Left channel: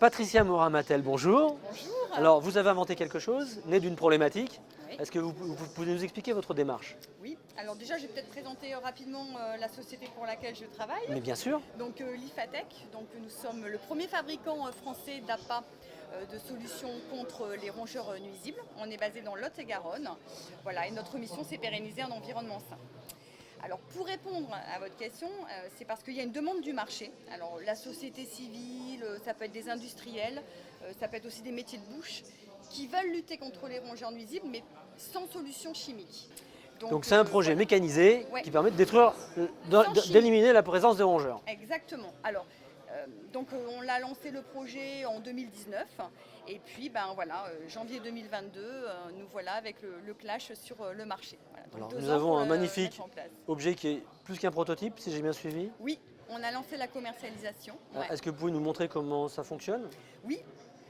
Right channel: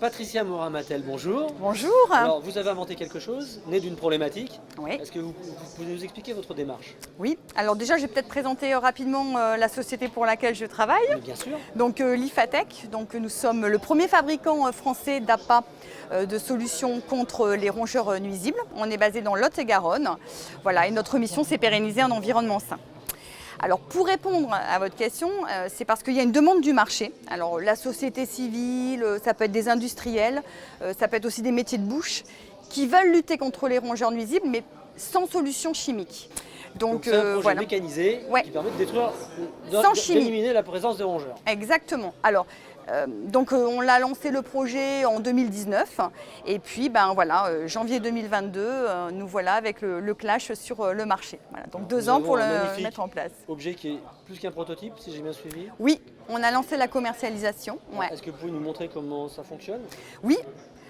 Patricia Morin-Matel, bonjour. Bonjour. Alors, vous avez inventé quelque chose, né d'une problématique. Oui. Est-ce que vous pouvez nous expliquer votre démarche? Oui, alors déjà je vais peut-être présenter rapidement la société pour laquelle je travaille. Mais bien sûr. Donc l'IFATEC, donc nous sommes le premier fabricant français d'appâts de solutions contre les rongeurs nuisibles. On est basé dans Lot-et-Garonne. Voilà, et notre mission c'est pérenniser un environnement sain. Alors pour répondre à votre question, c'est parce qu'il y a une demande du marché. Alors la société civile, ça peut être des industriels, ça peut être aussi des métiers de bouche qui veulent lutter contre les rongeurs nuisibles mais sans solution chimique. Donc c'est un projet voilà. mécanisé Ouais. qui permet de détruire, Sans chimie. d'éliminer la présence des rongeurs. Exactement. Alors, on l'a lancé le projet en 2019 et puis janvier 2022, nous voilà avec le clash sur le marché. Voilà, donc Alors, 2 nous ans avons pour le un magnifique mettre en place. Objet qui est plus qu'un prototype, si j'ai bien suivi. Oui, on a lancé la commercialisation. Ouais. Est-ce que vous pouvez nous montrer comment ça fonctionne? Oui.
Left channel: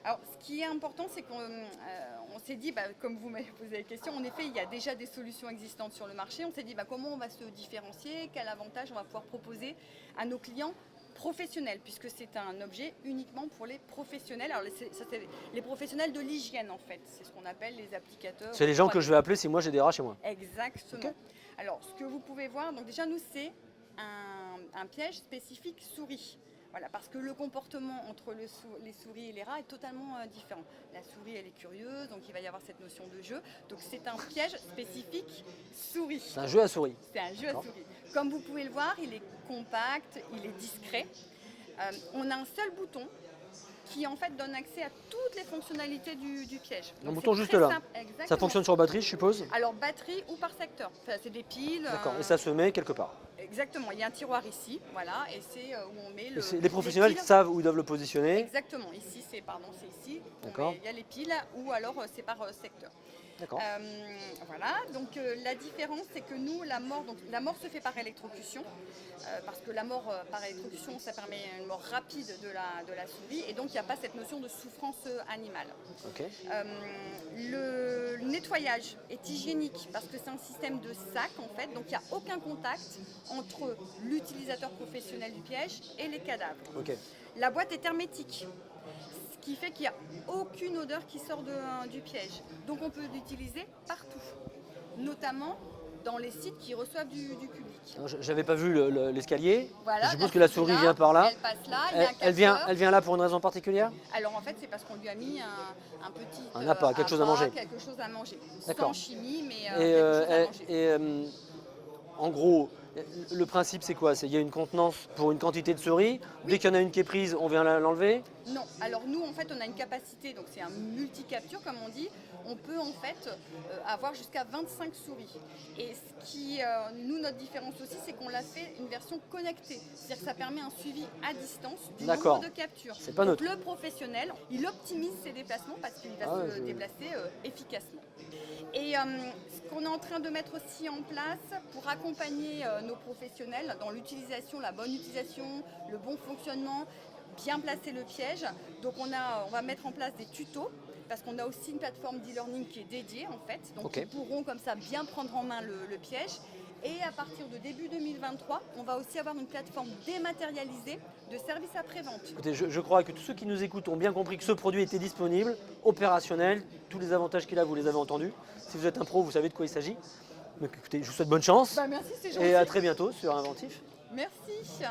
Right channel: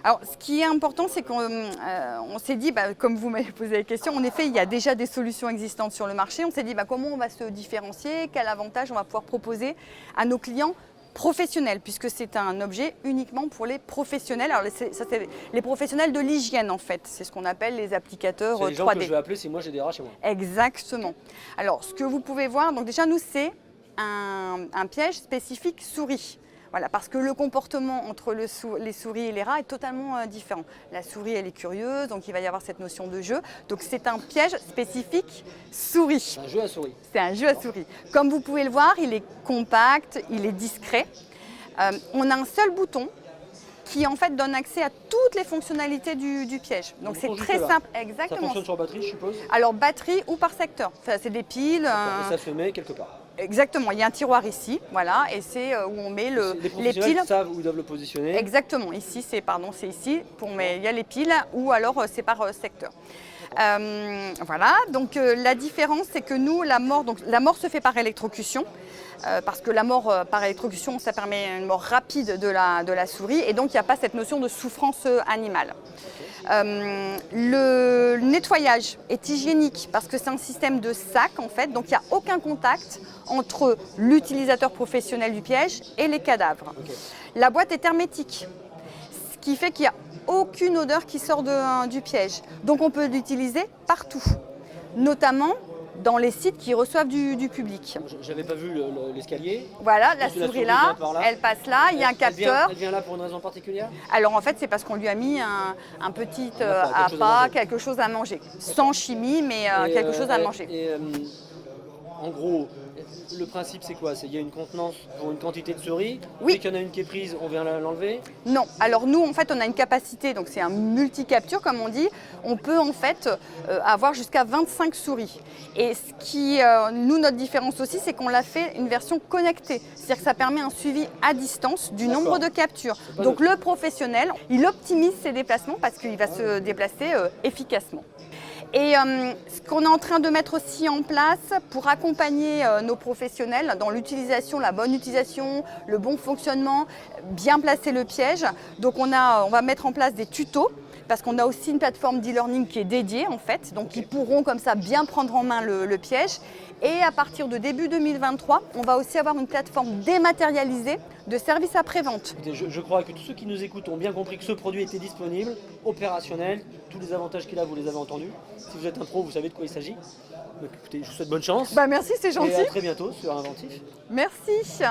Alors, ce qui est important, c'est qu'on s'est dit, comme vous m'avez posé la question, en effet, il y a déjà des solutions existantes sur le marché. On s'est dit, comment on va se différencier, quel avantage on va pouvoir proposer à nos clients professionnels, puisque c'est un objet uniquement pour les professionnels. Alors, c'est les professionnels de l'hygiène, en fait. C'est ce qu'on appelle les applicateurs 3D. C'est les gens que je vais appeler si moi j'ai des rats chez moi. Exactement. Alors, ce que vous pouvez voir, donc déjà, nous, c'est un piège spécifique souris. Voilà, parce que le comportement entre les souris et les rats est totalement différent. La souris, elle est curieuse, donc il va y avoir cette notion de jeu. Donc c'est un piège spécifique souris. C'est un jeu à souris. C'est un jeu à souris. Comme vous pouvez le voir, il est compact, il est discret. On a un seul bouton qui en fait donne accès à toutes les fonctionnalités du piège. Donc c'est très simple. Exactement. Ça fonctionne sur batterie, je suppose? Alors batterie ou par secteur. Enfin, c'est des piles. Et ça se met quelque part. Exactement, il y a un tiroir ici, voilà, et c'est où on met les professionnels piles. Savent où ils doivent le positionner. Exactement, ici c'est ici, il y a les piles ou alors c'est par secteur. Voilà, donc la différence c'est que nous, la mort se fait par électrocution, parce que la mort par électrocution ça permet une mort rapide de la souris et donc il n'y a pas cette notion de souffrance animale. Le nettoyage est hygiénique parce que c'est un système de sac en fait, donc il n'y a aucun contact entre l'utilisateur professionnel du piège et les cadavres. Okay. La boîte est hermétique, ce qui fait qu'il n'y a aucune odeur qui sort du piège. Donc on peut l'utiliser partout, notamment dans les sites qui reçoivent du public. Je n'avais pas vu l'escalier. Voilà, la souris là, elle passe là, il y a un capteur. Elle vient là pour une raison particulière? Alors en fait, c'est parce qu'on lui a mis un petit appât, quelque chose à manger. Sans chimie, mais quelque chose à manger. En gros, le principe c'est quoi? Il y a une contenance pour une quantité de souris. Oui. Dès qu'il y en a une qui est prise, on vient l'enlever? Non. Alors nous, en fait, on a une capacité, donc c'est un multi-capture comme on dit. On peut en fait avoir jusqu'à 25 souris. Et ce qui, notre différence aussi, c'est qu'on l'a fait une version connectée. C'est-à-dire que ça permet un suivi à distance du nombre de captures. Donc le professionnel, il optimise ses déplacements parce qu'il va se déplacer efficacement. Et ce qu'on est en train de mettre aussi en place pour accompagner nos professionnels dans l'utilisation, la bonne utilisation, le bon fonctionnement, bien placer le piège. Donc on va mettre en place des tutos parce qu'on a aussi une plateforme d'e-learning qui est dédiée en fait. Donc ils pourront comme ça bien prendre en main le piège. Et à partir de début 2023, on va aussi avoir une plateforme dématérialisée de services après-vente. Je crois que tous ceux qui nous écoutent ont bien compris que ce produit était disponible, opérationnel, tous les avantages qu'il a, vous les avez entendus. Si vous êtes un pro, vous savez de quoi il s'agit. Donc écoutez, je vous souhaite bonne chance. Merci, c'est gentil. Et à très bientôt sur Inventif. Merci.